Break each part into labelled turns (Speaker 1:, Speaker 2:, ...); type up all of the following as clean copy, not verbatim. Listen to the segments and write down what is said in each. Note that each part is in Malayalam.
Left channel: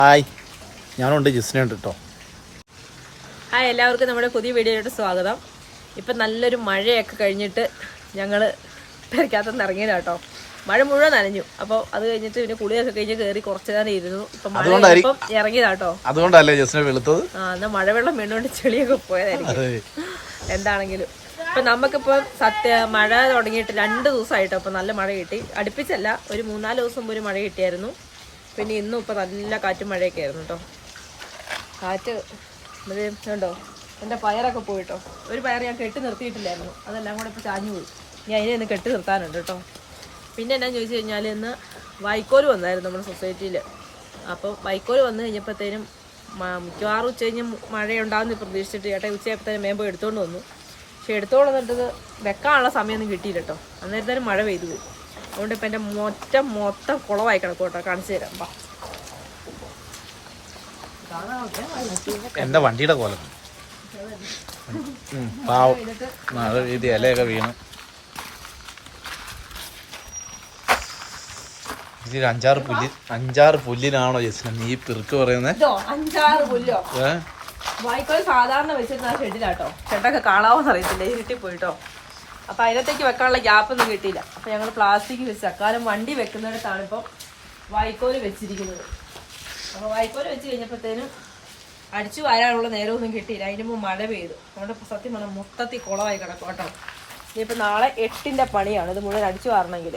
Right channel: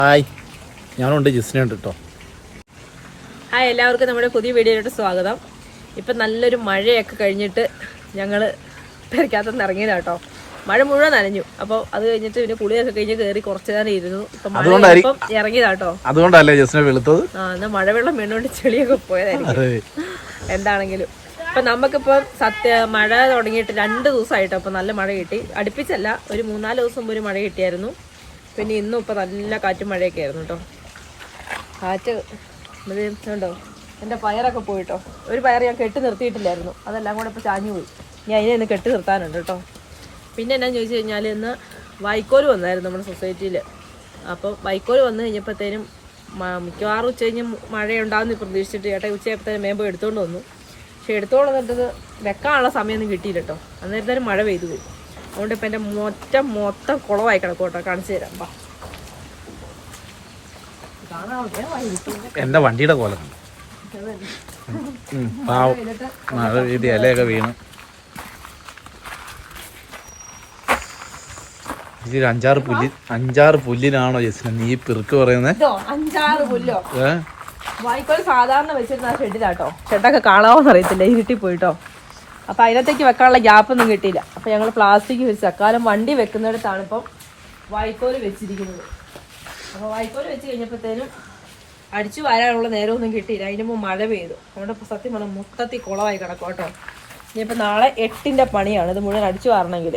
Speaker 1: ഹായ്, ഞാനുണ്ട്, ജിസ്നുണ്ട് കേട്ടോ.
Speaker 2: ഹായ്, എല്ലാവർക്കും നമ്മുടെ പുതിയ വീഡിയോയിലോട്ട് സ്വാഗതം. ഇപ്പം നല്ലൊരു മഴയൊക്കെ കഴിഞ്ഞിട്ട് ഞങ്ങൾ പെരക്കകത്തുനിന്ന് ഇറങ്ങിയതാ കേട്ടോ. മഴ മുഴുവൻ നനഞ്ഞു. അപ്പോൾ അത് കഴിഞ്ഞിട്ട് പിന്നെ കുളിയൊക്കെ കഴിഞ്ഞ് കയറി കുറച്ച് നേരം ഇരുന്നു. ഇപ്പം മഴ ഇറങ്ങിയതാ കേട്ടോ.
Speaker 1: അതുകൊണ്ടല്ലേ ജിസ്ന വെളുത്തത്?
Speaker 2: എന്നാൽ മഴവെള്ളം വീണുകൊണ്ട് ചെളിയൊക്കെ പോയതായിരിക്കും. എന്താണെങ്കിലും ഇപ്പം നമുക്കിപ്പം മഴ തുടങ്ങിയിട്ട് 2 ദിവസമായിട്ടോ. അപ്പം നല്ല മഴ കിട്ടി. അടുപ്പിച്ചല്ല, ഒരു 3-4 ദിവസം മുമ്പ് ഒരു മഴ കിട്ടിയായിരുന്നു. പിന്നെ ഇന്നും ഇപ്പം നല്ല കാറ്റും മഴയൊക്കെ ആയിരുന്നു കേട്ടോ. കാറ്റ് ഉണ്ടോ, എൻ്റെ പയറൊക്കെ പോയിട്ടോ. ഒരു പയർ ഞാൻ കെട്ടി നിർത്തിയിട്ടില്ലായിരുന്നു, അതെല്ലാം കൂടെ ഇപ്പോൾ ചാഞ്ഞു പോയി. ഇനി അതിനെ ഇന്ന് കെട്ടി നിർത്താനുണ്ട് കേട്ടോ. പിന്നെ എന്നാന്ന് ചോദിച്ചു കഴിഞ്ഞാൽ ഇന്ന് വൈക്കോല് വന്നായിരുന്നു നമ്മുടെ സൊസൈറ്റിയിൽ. അപ്പോൾ വൈക്കോല് വന്നു കഴിഞ്ഞപ്പോഴത്തേനും മിക്കവാറും ഉച്ച കഴിഞ്ഞ് മഴയുണ്ടാകുമെന്ന് പ്രതീക്ഷിച്ചിട്ട് ചേട്ടാ ഉച്ചയായപ്പോഴത്തേനും മേമ്പോ എടുത്തുകൊണ്ട് വന്നു. പക്ഷെ എടുത്തുകൊണ്ട് വന്നിട്ടത് വെക്കാനുള്ള സമയമൊന്നും കിട്ടിയില്ല കേട്ടോ. അന്നേരത്തേനും മഴ പെയ്തു പോയി. അതുകൊണ്ട് ഇപ്പം എൻ്റെ മൊത്തം കുളമായി കിടക്കും കേട്ടോ. കാണിച്ചു തരാം.
Speaker 1: എന്റെ വണ്ടിയുടെ കോലം പാവം, മഴ പെയ്ത് ഇലയൊക്കെ വീണ്. ഇതിൽ 5-6 പുല്ലിനാണോ ജസ്ന നീ പിറുക്ക് പറയുന്നത്?
Speaker 2: 5-6 പുല്ലോ വൈക്കോൽ സാധാരണ വെച്ചിരുന്ന ഷെഡിലാട്ടോ. ഷെഡൊക്കെ കാണാവോന്ന് അറിയത്തില്ല, ഇരുട്ടി പോയിട്ടോ. അപ്പൊ അതിനകത്തേക്ക് വെക്കാനുള്ള ഗ്യാപ്പൊന്നും കിട്ടിയില്ല. അപ്പൊ ഞങ്ങൾ പ്ലാസ്റ്റിക് വെച്ച് തക്കാലം വണ്ടി വെക്കുന്നിടത്താണ് ഇപ്പം വൈക്കോല് വെച്ചിരിക്കുന്നത്. അപ്പൊ വൈക്കോല് വെച്ച് കഴിഞ്ഞപ്പോഴത്തേനും അടിച്ചു വരാനുള്ള നേരമൊന്നും കിട്ടിയില്ല. അതിന് മുമ്പ് മഴ പെയ്തു. അതുകൊണ്ട് ഇപ്പൊ സത്യം പറഞ്ഞാൽ മൊത്തത്തിൽ കുളമായി കിടക്കും കേട്ടോ. ഇനിയിപ്പോൾ നാളെ 8-ന്റെ പണിയാണ് ഇത് മുഴുവൻ അടിച്ചു വാരണമെങ്കിൽ.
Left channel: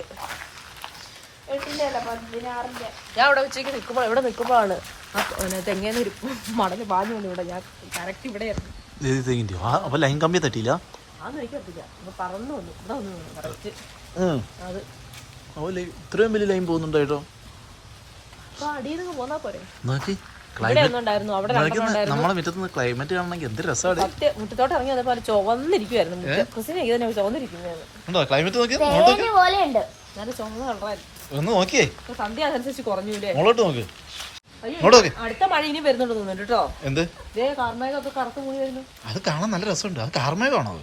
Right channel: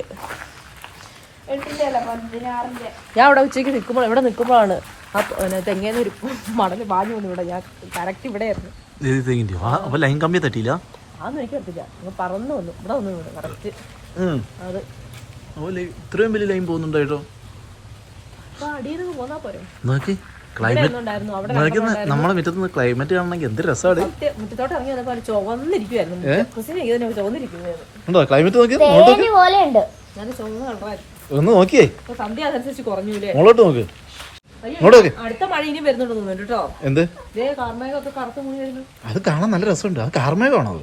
Speaker 2: ഞാൻ ഇവിടെ ഉച്ചയ്ക്ക് ഇവിടെ നിൽക്കുമ്പോഴാണ് ആ തെങ്ങേന്ന് ഒരു മടല് പാഞ്ഞു വന്നു. ഇവിടെ ഞാൻ കറക്റ്റ് ഇവിടെ ആയിരുന്നു.
Speaker 1: ലൈൻ കമ്പി തട്ടിയില്ല,
Speaker 2: അതൊന്നും എനിക്ക് പറ്റില്ല. പറന്നു വന്നു ഇവിടെ വന്നു കറക്റ്റ്. അത്
Speaker 1: ഇത്രയും വലിയ ലൈൻ പോകുന്നുണ്ടോ കേട്ടോ.
Speaker 2: അപ്പൊ അടിയിൽ നിന്ന് പോന്നാ പോരെ.
Speaker 1: നോക്കി നമ്മളെ മുറ്റത്ത് ക്ലൈമറ്റ് കാണണമെങ്കിൽ എന്ത് രസമാണ്.
Speaker 2: മുറ്റത്തോട്ട് ഇറങ്ങി വന്നപ്പോൾ ചുവന്നിരിക്കുവായിരുന്നു.
Speaker 1: ചുവന്നിരിക്കുന്നു ക്ലൈമറ്റ്. നോക്കി
Speaker 2: നല്ല ചുവന്ന കളറായിരുന്നു.
Speaker 1: ഒന്ന് നോക്കിയേ,
Speaker 2: സന്ധ്യ അതനുസരിച്ച് കുറഞ്ഞൂലേ.
Speaker 1: മുകളോട്ട് നോക്ക്.
Speaker 2: അടുത്ത മഴ ഇനി വരുന്നുണ്ട് തോന്നുന്നു കേട്ടോ.
Speaker 1: എന്ത്
Speaker 2: കാർമേഘമൊക്കെ കറുത്ത് മൂടി വരുന്നു.
Speaker 1: അത് കാണാൻ നല്ല രസമുണ്ട്. അത് കാർമേഘമാണോ?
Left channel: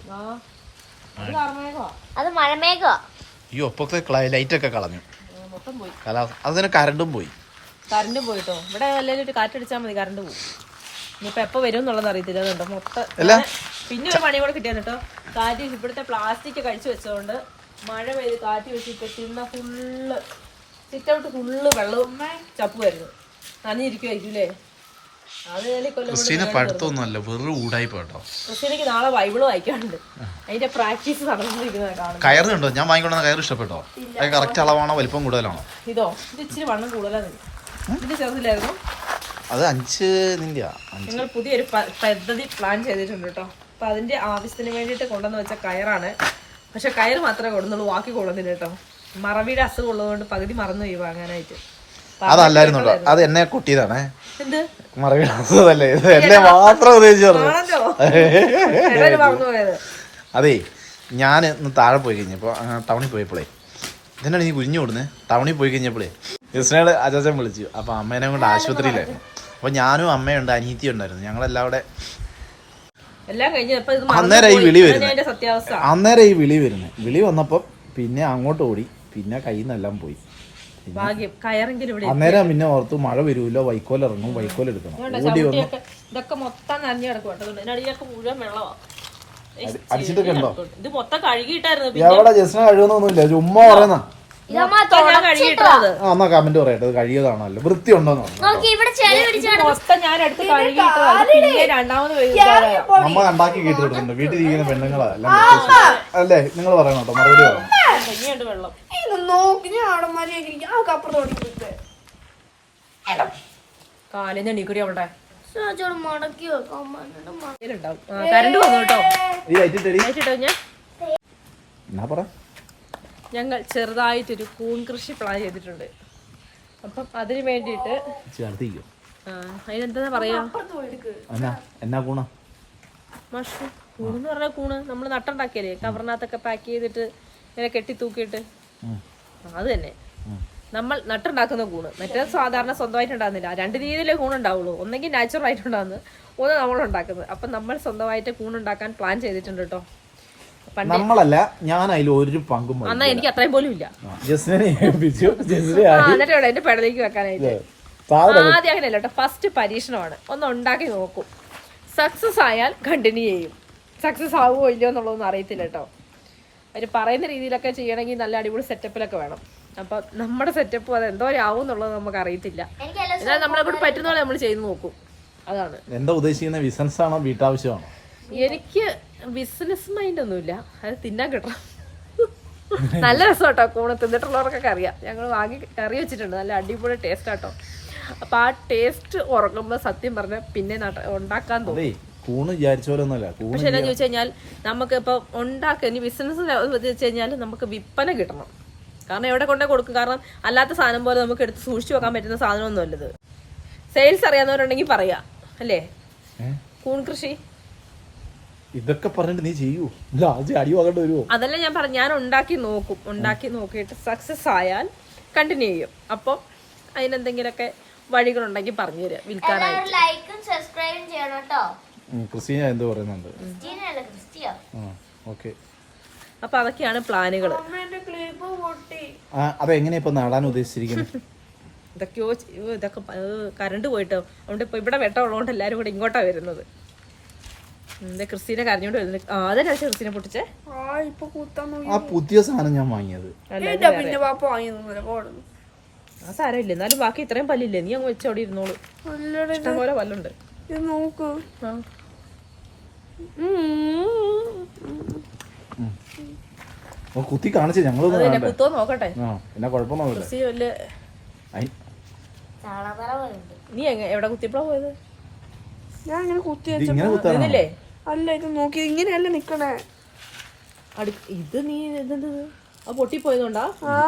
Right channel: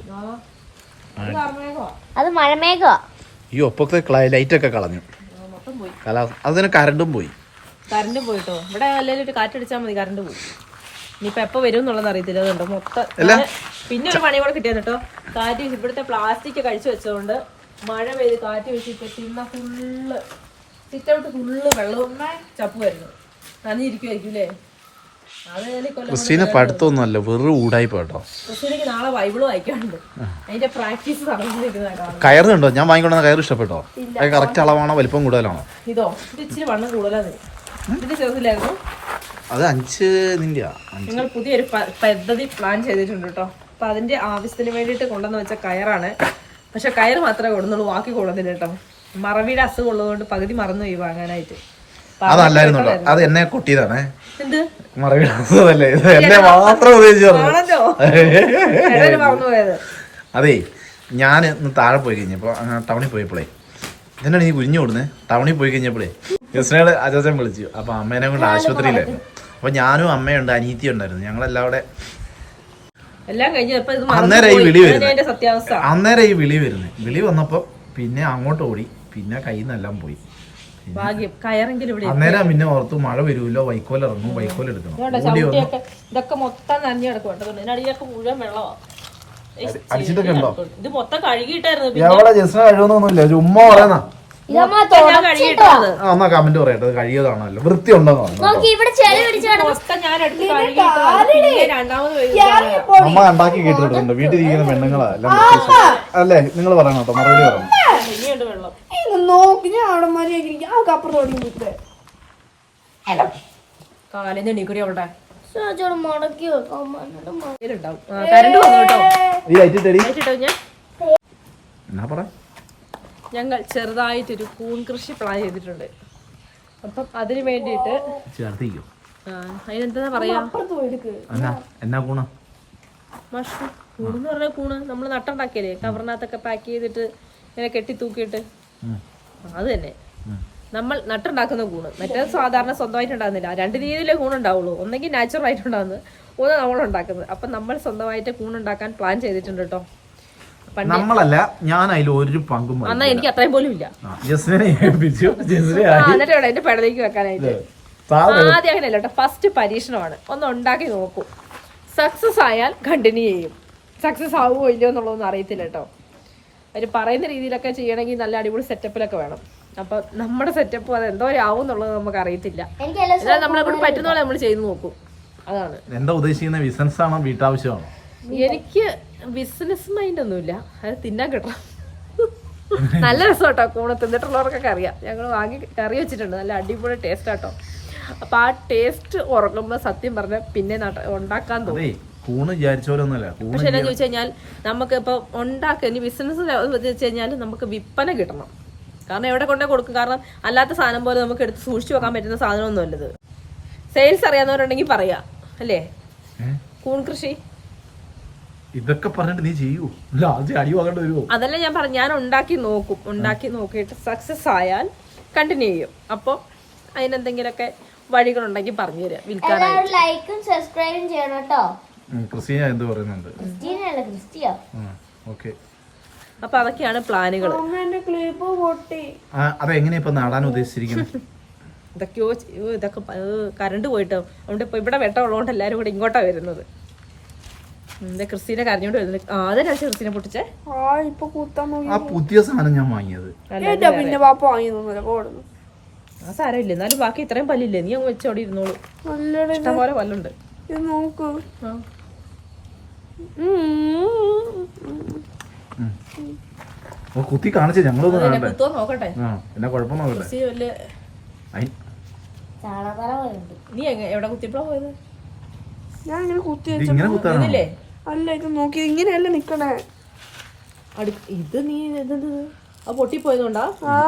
Speaker 2: അത് മഴമേഘമാ.
Speaker 1: ഈ ഒപ്പൊക്കെ ലൈറ്റ് ഒക്കെ കളഞ്ഞു.
Speaker 2: മൊത്തം പോയി.
Speaker 1: അതിന് കറണ്ടും പോയി.
Speaker 2: കറണ്ടും പോയിട്ടോ. ഇവിടെ വല്ലൊരു കാറ്റടിച്ചാൽ മതി, കറണ്ട് പോയി. ഇനിയിപ്പോ എപ്പോ വരും എന്നുള്ളത് അറിയത്തില്ല. അതുണ്ടോ മൊത്തം. പിന്നെ ഒരു പണി കൂടെ കിട്ടിയത് കേട്ടോ. കാറ്റ് ഇവിടുത്തെ പ്ലാസ്റ്റിക് കഴിച്ചു വെച്ചതുകൊണ്ട് മഴ പെയ്ത് കാറ്റ് വെച്ചിട്ട് പിന്നെ ഫുള്ള് സിറ്റൗട്ട് ഫുള്ള് വെള്ളവും ചപ്പ് വരുന്നു. നനഞ്ഞിരിക്കുവായിരിക്കും.
Speaker 1: ക്രിസ്റ്റീനെ പഠിത്തമൊന്നുമല്ല, വെറും ഊടായിപ്പോ കേട്ടോ.
Speaker 2: ക്രിസ്റ്റീനക്ക് നാളെ ബൈബിള് വായിക്കാനുണ്ട്. അതിന്റെ പ്രാക്ടീസ് നടന്നിരിക്കുന്നത്.
Speaker 1: കയറ് കണ്ടോ? ഞാൻ വാങ്ങിക്കൊണ്ട കയറ് ഇഷ്ടപ്പെട്ടോ? കറക്റ്റ് അളവാണോ, വലിപ്പം കൂടുതലാണോ?
Speaker 2: ഇത് ഇച്ചിരി വണ്ണം കൂടുതലാണ്. ഇതിന്റെ ചെറുതിലായിരുന്നു.
Speaker 1: അത് 5 നിന്റെ.
Speaker 2: ഞങ്ങൾ പുതിയൊരു പദ്ധതി പ്ലാൻ ചെയ്തിട്ടുണ്ട് കേട്ടോ. അപ്പൊ അതിന്റെ ആവശ്യത്തിന് വേണ്ടിയിട്ട് കൊണ്ടുവന്ന് വെച്ച കയറാണ്. പക്ഷെ കയറ് മാത്രമേ കൊടുന്നുള്ളൂ, ബാക്കി കൊള്ളുന്നില്ല കേട്ടോ. മറവിയുടെ അസുഖം ഉള്ളതുകൊണ്ട് പകുതി മറന്നുപോയി വാങ്ങാനായിട്ട്.
Speaker 1: അതല്ലായിരുന്നല്ലോ, അത് എന്നെ കൊട്ടിയതാണ്.
Speaker 2: എന്ത്
Speaker 1: മറവിയുടെ അസുഖമല്ലേ, എന്നെ മാത്രം
Speaker 2: മറന്നുപോയത്.
Speaker 1: അതേ, ഞാൻ ഇന്ന് താഴെ പോയി കഴിഞ്ഞപ്പോ ടൗണിൽ പോയപ്പോഴേ ഇതിനാണ് നീ കുഞ്ഞു കൊടുന്നേ. ടൗണിൽ പോയി കഴിഞ്ഞപ്പോഴേ ജസ്നയുടെ അച്ചാച്ചൻ വിളിച്ചു. അപ്പൊ അമ്മേനെ കൊണ്ട് ആശുപത്രിയിലായിരുന്നു. അപ്പൊ ഞാനും അമ്മയുണ്ട്, അനീത്തി ഉണ്ടായിരുന്നു. ഞങ്ങളെല്ലാം അവിടെ. അന്നേരം ഈ വിളി വരുന്നത്. വിളി വന്നപ്പോ പിന്നെ അങ്ങോട്ട് ഓടി. പിന്നെ കയ്യിൽ നിന്നെല്ലാം പോയി. അന്നേരം പിന്നെ ഓർത്തു മഴ വരുമല്ലോ, വൈക്കോൽ ഇറങ്ങും, വൈക്കോൽ എടുക്കണം.
Speaker 2: ഇതൊക്കെ മൊത്തം നനഞ്ഞു കിടക്കും. അടിയിലൊക്കെ മുഴുവൻ വെള്ളമാണ്.
Speaker 1: അടിച്ചിട്ടൊക്കെ ഉണ്ടോ?
Speaker 2: ഇത് മൊത്തം കഴുകിയിട്ടായിരുന്നു.
Speaker 1: ജസ്ന കഴുകുന്നൊന്നുമില്ല, ചുമ്മാ പറയുന്ന.
Speaker 2: ഞാൻ കഴുകിയിട്ടത്
Speaker 1: എന്നാ കമന്റ് പറയട്ടെ, അത് കഴുകിയതാണല്ലോ, വൃത്തി ഉണ്ടെന്ന് പറഞ്ഞു. നമ്മ ഉണ്ടാക്കി കേട്ടിട്ടുണ്ട് വീട്ടിൽ ഇരിക്കുന്ന പെണ്ണുങ്ങളാ എല്ലാം അല്ലേ? നിങ്ങൾ പറയണം കേട്ടോ, മറുപടി പറയണം.
Speaker 2: കാലിന്ന് എണീക്കൂടി അവളുടെ കരണ്ട് വന്നു കേട്ടോ. ഞങ്ങൾ ചെറുതായിട്ടൊരു കൂൺ കൃഷി പ്ലാൻ ചെയ്തിട്ടുണ്ട്. അപ്പം അതിന് വേണ്ടിയിട്ട് അതിനെന്താ പറയാ, മഷ്റൂം കൂണെന്ന് പറഞ്ഞ കൂണ് നമ്മൾ നട്ടുണ്ടാക്കിയല്ലേ, കവറിനകത്തൊക്കെ പാക്ക് ചെയ്തിട്ട് ഇങ്ങനെ കെട്ടി തൂക്കിയിട്ട്, അത് തന്നെ നമ്മൾ നട്ടുണ്ടാക്കുന്ന കൂണ്. മറ്റേ സാധാരണ സ്വന്തമായിട്ട് ഉണ്ടാകുന്നില്ല. 2 രീതിയിലെ കൂണുണ്ടാവുള്ളൂ. ഒന്നെങ്കിൽ നാച്ചുറൽ ആയിട്ടുണ്ടാകുന്നത്, ഒന്ന് നമ്മളുണ്ടാക്കുന്നത്. അപ്പം നമ്മൾ സ്വന്തമായിട്ട് കൂണുണ്ടാക്കാൻ പ്ലാൻ ചെയ്തിട്ടുണ്ട് കേട്ടോ.
Speaker 1: നമ്മളല്ല, ഞാൻ അതിൽ ഒരു പങ്കും.
Speaker 2: എന്നാ എനിക്ക് അത്രയും പോലും ഇല്ല.
Speaker 1: എന്നിട്ട്
Speaker 2: എന്റെ പെടലേക്ക് വെക്കാനായിട്ട് ആദ്യം അങ്ങനെയല്ല കേട്ടോ, ഫസ്റ്റ് പരീക്ഷണമാണ്. ഒന്ന് ഉണ്ടാക്കി നോക്കൂ. സക്സസ് ആയാൽ കണ്ടിന്യൂ ചെയ്യും. സക്സസ് ആവുമോ ഇല്ലയോ എന്നുള്ളതൊന്നും അറിയത്തില്ല കേട്ടോ. അവർ പറയുന്ന രീതിയിലൊക്കെ ചെയ്യണമെങ്കിൽ നല്ല അടിപൊളി സെറ്റപ്പിലൊക്കെ വേണം. അപ്പം നമ്മുടെ സെറ്റപ്പ് അത് എന്തോ ആവും എന്നുള്ളത് നമുക്ക് അറിയത്തില്ല. എന്നാൽ നമ്മളെ കൂടെ പറ്റുന്ന പോലെ നമ്മൾ ചെയ്ത് നോക്കും. അതാണ്.
Speaker 1: എന്താ ഉദ്ദേശിക്കുന്ന, ബിസിനസ് ആണോ വീട്ടാവശ്യമാണോ?
Speaker 2: എനിക്ക് ബിസിനസ് മൈൻഡ് ഒന്നുമില്ല, അത് തിന്നാൻ കിട്ടണം. നല്ല രസം കേട്ടോ. കൂണ് തിന്നിട്ടുള്ളവർക്കൊക്കെ അറിയാം. ഞങ്ങൾ വാങ്ങി കറി വെച്ചിട്ടുണ്ട്, നല്ല അടിപൊളി ടേസ്റ്റ് കേട്ടോ. അപ്പൊ ആ ടേസ്റ്റ് ഉറങ്ങുമ്പോ സത്യം പറഞ്ഞ പിന്നെ ഉണ്ടാക്കാൻ തോന്നും.
Speaker 1: കൂണ് വിചാരിച്ച പോലെ ഒന്നുമില്ല.
Speaker 2: പക്ഷെ എന്നാ ചോദിച്ചു കഴിഞ്ഞാൽ നമുക്ക് ഇപ്പൊ ഇനി ബിസിനസ് വെച്ച് കഴിഞ്ഞാൽ നമുക്ക് വിൽപ്പന കിട്ടണം. കാരണം എവിടെ കൊണ്ടേ കൊടുക്കും. കാരണം അല്ലാത്ത സാധനം പോലെ നമുക്ക് എടുത്ത് സൂക്ഷിച്ചു വെക്കാൻ പറ്റുന്ന സാധനമൊന്നും അല്ലത്. സെയിൽസ് അറിയാവുന്നവരുണ്ടെങ്കിൽ പറയാ അല്ലേ. കൂൺ കൃഷി
Speaker 1: ഇതൊക്കെ പറഞ്ഞിട്ട് നീ ചെയ്യൂ, അടി വാങ്ങേണ്ടി വരുമോ?
Speaker 2: അതല്ല ഞാൻ പറഞ്ഞു, ഞാൻ ഉണ്ടാക്കി നോക്കും. ഉണ്ടാക്കി നോക്കിയിട്ട് സക്സസ് ആയാൽ കണ്ടിന്യൂ ചെയ്യും. അപ്പോൾ അതിനെന്തെങ്കിലുമൊക്കെ വഴികളുണ്ടെങ്കിൽ പറഞ്ഞു തരാം വിൽക്കാനായിട്ട്.
Speaker 1: ക്രിസ്റ്റീന എന്ത് പറയുന്നുണ്ട്?
Speaker 2: അപ്പൊ അതൊക്കെയാണ് പ്ലാനുകൾ.
Speaker 1: അതെങ്ങനെയാ ഇപ്പൊ നടാൻ ഉദ്ദേശിച്ചിരിക്കുന്നത്?
Speaker 2: ഇതൊക്കെ കറണ്ട് പോയിട്ടോ. അതുകൊണ്ട് ഇപ്പൊ ഇവിടെ വെട്ടം ഉള്ളതുകൊണ്ട് എല്ലാരും കൂടെ ഇങ്ങോട്ടാ വരുന്നത്. എന്താ ക്രിസ്റ്റീനെ കരഞ്ഞോണ്ട് വരുന്നത്? അതെന്നാ ക്രിസ്റ്റീനെ പൊട്ടിച്ചേ?
Speaker 1: പുതിയ സാധനം ഞാൻ വാങ്ങിയത്.
Speaker 2: ആ സാരമില്ല, എന്നാലും ബാക്കി ഇത്രയും പല്ലില്ലേ, നീ അങ്ങ് വെച്ചോടെ ഇരുന്നോളൂ. ഇഷ്ടം പോലെ പല്ലുണ്ട്.
Speaker 3: നോക്ക്
Speaker 1: കുത്തി കാണിച്ചേ, ഞങ്ങളൊന്നും
Speaker 2: കുത്തോ നോക്കട്ടെ.
Speaker 1: പിന്നെ കുഴപ്പം നോക്കട്ടെ.
Speaker 2: നീ എവിടെ കുത്തിയപ്പോഴാ പോയത്?
Speaker 3: ഞാൻ ഇങ്ങനെ കുത്തി വെച്ചല്ലേ. അല്ല, ഇത് നോക്കി ഇങ്ങനെയല്ല നിക്കണേ.
Speaker 2: ഇത് നീ ഇതെന്ത് ആ പൊട്ടിപ്പോയതുകൊണ്ടാ?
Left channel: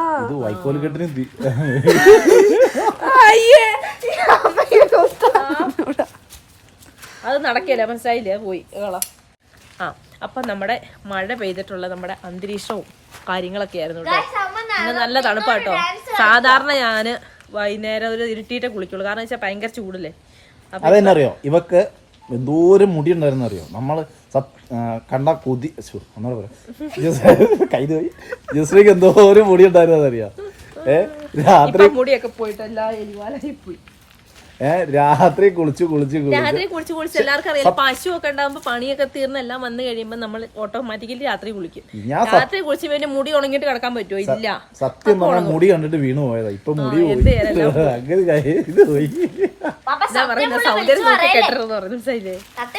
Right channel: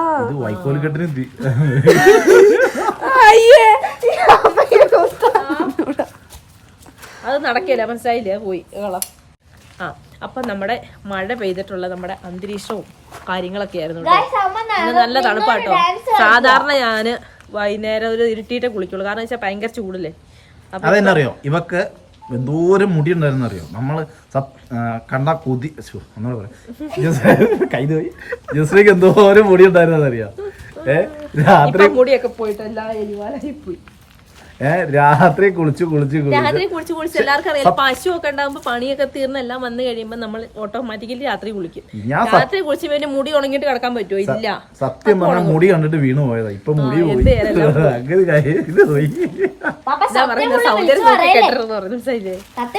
Speaker 2: അത് നടക്കില്ല, മനസ്സിലായില്ലേ? പോയി കള. അപ്പൊ നമ്മുടെ മഴ പെയ്തിട്ടുള്ള നമ്മുടെ അന്തരീക്ഷവും കാര്യങ്ങളൊക്കെ ആയിരുന്നു കേട്ടോ. ഇന്ന് നല്ല തണുപ്പാട്ടോ. സാധാരണ ഞാന് വൈകുന്നേരം ഒരു ഇരുട്ടിയിട്ടേ കുളിക്കുള്ളൂ. കാരണം വെച്ചാൽ ഭയങ്കര ചൂടല്ലേ.
Speaker 1: അതെന്നറിയോ, ഇവക്ക് എന്തോരം മുടി ഉണ്ടായിരുന്നു അറിയോ? നമ്മള് കണ്ട കൊതി ഒന്നോട് പറയാം, കൈ പോയി. ജസ്രീക്ക് എന്തോരം മുടി ഉണ്ടായിരുന്നറിയോ?
Speaker 2: രാത്രി മുടിയൊക്കെ പോയിട്ട് എല്ലാ എലിവാലായി പോയി.
Speaker 1: രാത്രി കുളിച്ച്
Speaker 2: എല്ലാവർക്കും അറിയാം. പശു ഒക്കെ ഉണ്ടാകുമ്പോ പണിയൊക്കെ തീർന്ന് എല്ലാം വന്നു കഴിയുമ്പോ നമ്മൾ ഓട്ടോമാറ്റിക്കലി രാത്രി കുളിക്കും. രാത്രി കുളിച്ച് പിന്നെ മുടി ഉണങ്ങിട്ട് കിടക്കാൻ പറ്റുമോ? ഇല്ല.
Speaker 1: സത്യം പറഞ്ഞാൽ മുടി കണ്ടിട്ട് വീണു പോയതാ. ഇപ്പൊ മുടി
Speaker 2: പറയുന്ന സൗന്ദര്യം നോക്കി കെട്ടറെന്ന് പറഞ്ഞു. മനസ്സിലായില്ലേ?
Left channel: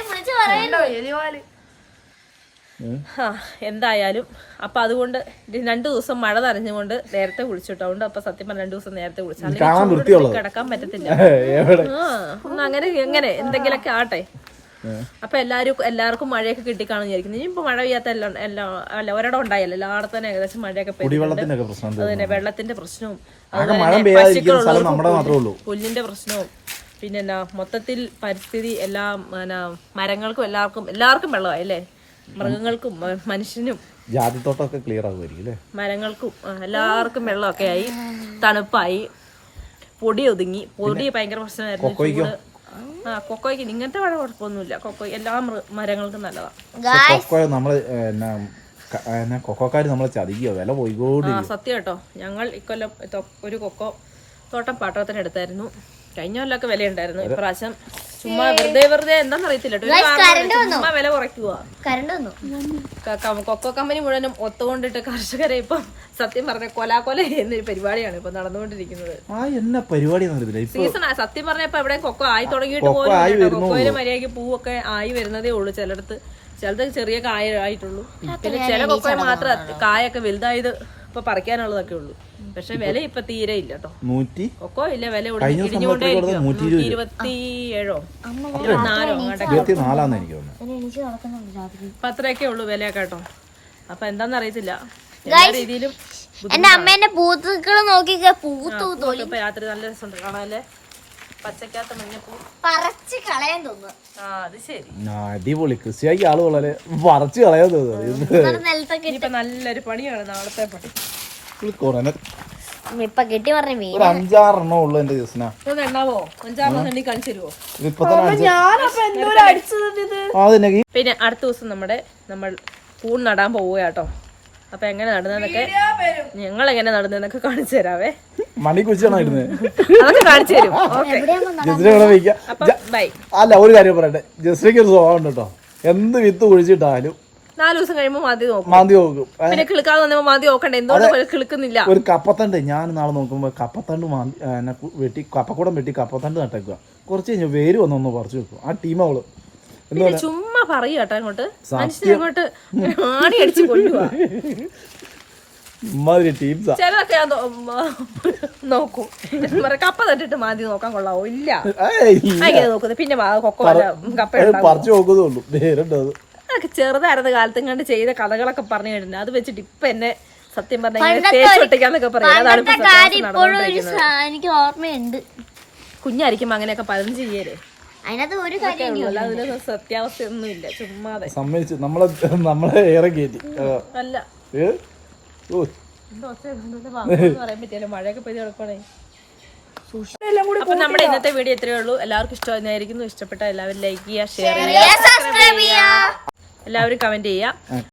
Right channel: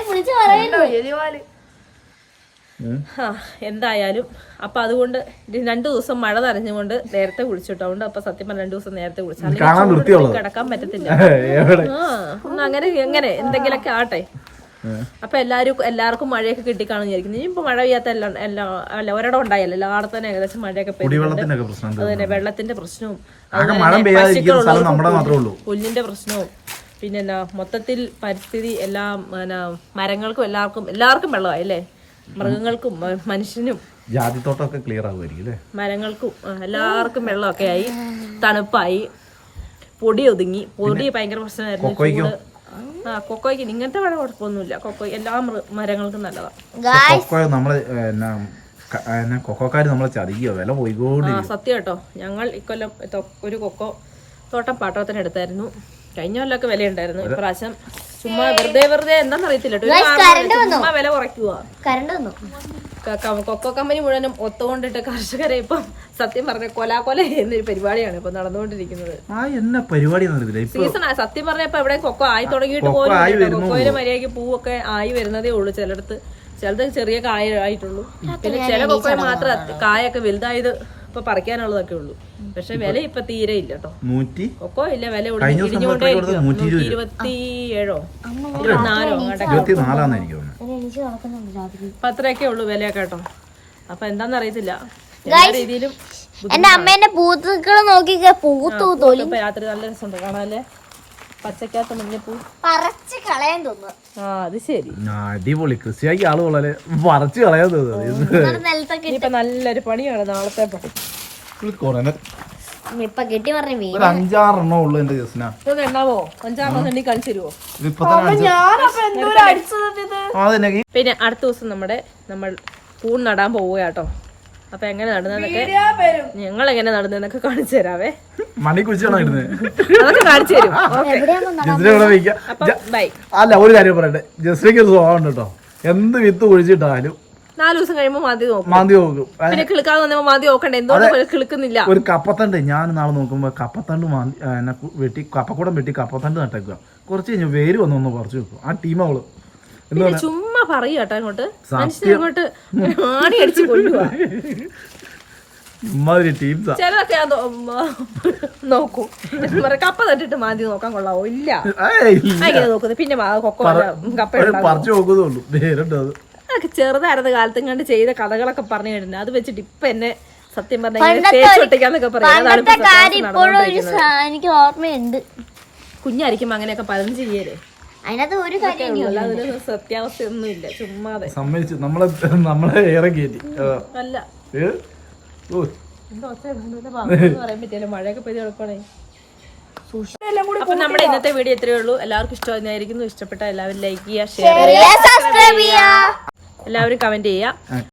Speaker 2: എന്തായാലും അപ്പൊ അതുകൊണ്ട് 2 ദിവസം മഴ നനഞ്ഞുകൊണ്ട് നേരത്തെ കുളിച്ചിട്ടുണ്ട്. അപ്പൊ സത്യം പറഞ്ഞ 2 ദിവസം നേരത്തെ കുളിച്ചു. അല്ലെങ്കിൽ കിടക്കാൻ പറ്റത്തില്ല. അങ്ങനെ എങ്ങനെ എന്തെങ്കിലൊക്കെ ആട്ടെ. അപ്പൊ എല്ലാവർക്കും മഴയൊക്കെ കിട്ടിക്കാണെന്ന് വിചാരിക്കുന്നു. ഇനിയിപ്പോ മഴ പെയ്യാത്ത അല്ല ഒരിടം ഉണ്ടായല്ലോ, എല്ലായിടത്തും തന്നെ ഏകദേശം മഴയൊക്കെ പെയ്യുന്നുണ്ട്. അത് തന്നെ വെള്ളത്തിന്റെ പ്രശ്നവും പുല്ലിന്റെ പ്രശ്നവും പിന്നെ മൊത്തത്തിൽ പരിസ്ഥിതി എല്ലാം മരങ്ങൾക്കും എല്ലാവർക്കും വെള്ളമായി അല്ലേ. മൃഗങ്ങൾക്കും മനുഷ്യനും
Speaker 1: ജാതിത്തോട്ടമൊക്കെ ക്ലിയർ ആകുമായിരിക്കും.
Speaker 2: മരങ്ങൾക്കും എല്ലാവർക്കും വെള്ളമൊക്കെ ആയി, തണുപ്പായി, പൊടി ഒതുങ്ങി. പൊടി ഭയങ്കര പ്രശ്നമായിരുന്നു. ചൂട്. കൊക്കോയ്ക്ക് ഇങ്ങനത്തെ മഴ കുഴപ്പമൊന്നുമില്ല. കൊക്കോ എല്ലാ മരങ്ങൾക്കും നല്ലതാണ്.
Speaker 1: കൊക്കോക്കാര് നമ്മളെ ചതിക്കോ, വില പോയിക്കോടി.
Speaker 2: സത്യം കേട്ടോ. ഞങ്ങൾ ഇക്കൊല്ലം ഒരു കൊക്കോ തോട്ടം പാട്ടത്തിന് എടുത്തായിരുന്നു. കഴിഞ്ഞ കൊല്ലമൊക്കെ വില ഉണ്ടായിരുന്നു. ഇപ്രാവശ്യം ചുമ്മാ വെറുതെ എന്താന്നറിയത്തില്ല, ചുമ്മാ വില കുറയ്ക്കുക. കൊക്കോ കമ്പനി മുഴുവനും ഒത്തുകൊണ്ടിട്ട് കർഷകരെ ഇപ്പം സത്യം പറഞ്ഞ കൊല എന്നൊരു പരിപാടിയാണ് ഇപ്പൊ നടന്നുകൊണ്ടിരിക്കുന്നത്. സീസണാ സത്യം പറഞ്ഞ ഇപ്പൊ എവിടെ കൊക്കോ ആയി തുടങ്ങിയിട്ട് പോലും കൊക്കോയില് മര്യാദയ്ക്ക് പൂവൊക്കെ ആയി വരുന്നതേ ഉള്ളൂ. ചിലത് ചെറിയ കായ ആയിട്ടുള്ളൂ. പിന്നെ ചില കൊക്കോയെ മാത്രം കായൊക്കെ വലുതായത് ഇപ്പൊ പറിക്കാനുള്ളതൊക്കെ ഉള്ളൂ. പക്ഷെ വില ഇപ്പൊ തീരെ ഇല്ല കേട്ടോ. കൊക്കോ ഇല്ല, വില ഇടിഞ്ഞുകൊണ്ടേ 127 ഇപ്പൊ അത്രയൊക്കെ ഉള്ളൂ വിലയൊക്കെ കേട്ടോ. അപ്പൊ എന്താന്ന് അറിയത്തില്ല. രീതിയിലും
Speaker 4: എന്റെ അമ്മേന്റെ പൂത്തുക്കള് നോക്കി
Speaker 2: രാത്രി നല്ല രസമുണ്ട് കാണാല്ലേ. പച്ചക്കകത്ത് മഞ്ഞപ്പൂ
Speaker 4: പറിച്ച് കളയാൻ തോന്നുന്നു.
Speaker 2: അത് ശരി,
Speaker 1: അടിപൊളി. കൃഷിയാക്കി ആള് വളരെ പറിച്ച് കളയാൻ തോന്നുന്നു.
Speaker 2: ഇപ്പൊ നല്ലൊരു പണിയാണ് നാളത്തെ പണി.
Speaker 4: ഇപ്പൊ കെട്ടി പറഞ്ഞ മീൻ
Speaker 1: 5-6 ഉള്ളു എന്റെ ജസ്ന.
Speaker 2: ഒന്ന് എണ്ണാവോ? 5-6 എണ്ണി കാണിച്ചു തരുമോ? പിന്നെ അടുത്ത ദിവസം നമ്മൾ കൂൺ നടാൻ പോവുക കേട്ടോ. അപ്പൊ എങ്ങനെ നടുന്നതൊക്കെ ഞങ്ങൾ എങ്ങനെ നടുന്നതൊക്കെ കാണിച്ചു തരാവേ.
Speaker 1: മണി കുച്ചാണോ ഇടുന്നത്?
Speaker 2: അതൊക്കെ കാണിച്ചു തരും. ഓക്കെ അപ്പൊ ബൈ.
Speaker 1: അല്ല ഒരു കാര്യം പറയട്ടെ, ജസ്റ്റിക്ക് ഒരു സ്വഭാവം ഉണ്ട് കേട്ടോ. എന്ത് വിത്ത് കുഴിച്ചിട്ടാലും
Speaker 2: 4 ദിവസം കഴിയുമ്പോ മാന്തി നോക്കും. പിന്നെ കിളുക്കാതെ വന്നപ്പോ മാന്തി നോക്കണ്ടേ, എന്തുകൊണ്ട് കിളുക്കുന്നില്ല.
Speaker 1: ഒരു കപ്പത്തണ്ട് ഞാൻ നാളെ നോക്കുമ്പോ കപ്പത്തണ്ട് വെട്ടി കപ്പക്കൂടം വെട്ടി കപ്പത്തണ്ട് നട്ടേക്കുക. കുറച്ച് കഴിഞ്ഞ് വേര് വന്നൊന്ന് പറിച്ചു വെക്കും. ആ ടീം അവള്
Speaker 2: പിന്നെ ചുമ്മാ പറയൂ കേട്ടോ അങ്ങോട്ട്, മനുഷ്യനെ അങ്ങോട്ട് ആണി അടിച്ച് കൊല്ലുവാ. ചിലതൊക്കെ ഞാൻ നോക്കും, കപ്പ തട്ടിട്ട് മാന്തി നോക്കാൻ കൊള്ളാവോ? ഇല്ല, അങ്ങനെ നോക്കുന്നത്. പിന്നെ കൊക്കോ കപ്പ അതൊക്കെ ചെറുതായിരുന്ന കാലത്തും കണ്ട് ചെയ്ത കഥകളൊക്കെ പറഞ്ഞു കേട്ടിട്ടുണ്ട്. അത് വെച്ചിട്ട് ഇപ്പൊ എന്നെ സത്യം പറഞ്ഞാൽ തേച്ചൊട്ടിക്കാന്നൊക്കെ പറയാം.
Speaker 4: എനിക്ക് ഓർമ്മയുണ്ട്.
Speaker 2: കുഞ്ഞായിരിക്കുമ്പോ അങ്ങനെയൊക്കെ പലതും ചെയ്യല്ലേ.
Speaker 4: അതിനകത്ത് ഒരു കാര്യം
Speaker 2: അതിന് സത്യാവസ്ഥ ഒന്നുമില്ല, ചുമ്മാതെ
Speaker 1: സമ്മതിച്ചു നമ്മളെ ഏറെ കയറ്റി.
Speaker 2: അല്ല പറയാൻ പറ്റിയല്ലോ, മഴയൊക്കെ പെയ്ത് എളുപ്പണേ. അപ്പൊ നമ്മുടെ ഇന്നത്തെ വീഡിയോ ഇത്രയേ ഉള്ളൂ. എല്ലാവർക്കും ഇഷ്ടമായിരിക്കുന്നു. ഇഷ്ടപ്പെട്ട എല്ലാവരും ലൈക്ക് ചെയ്യുക, ഷെയർ ചെയ്യുക, എല്ലാവരും കമന്റ് ചെയ്യുക.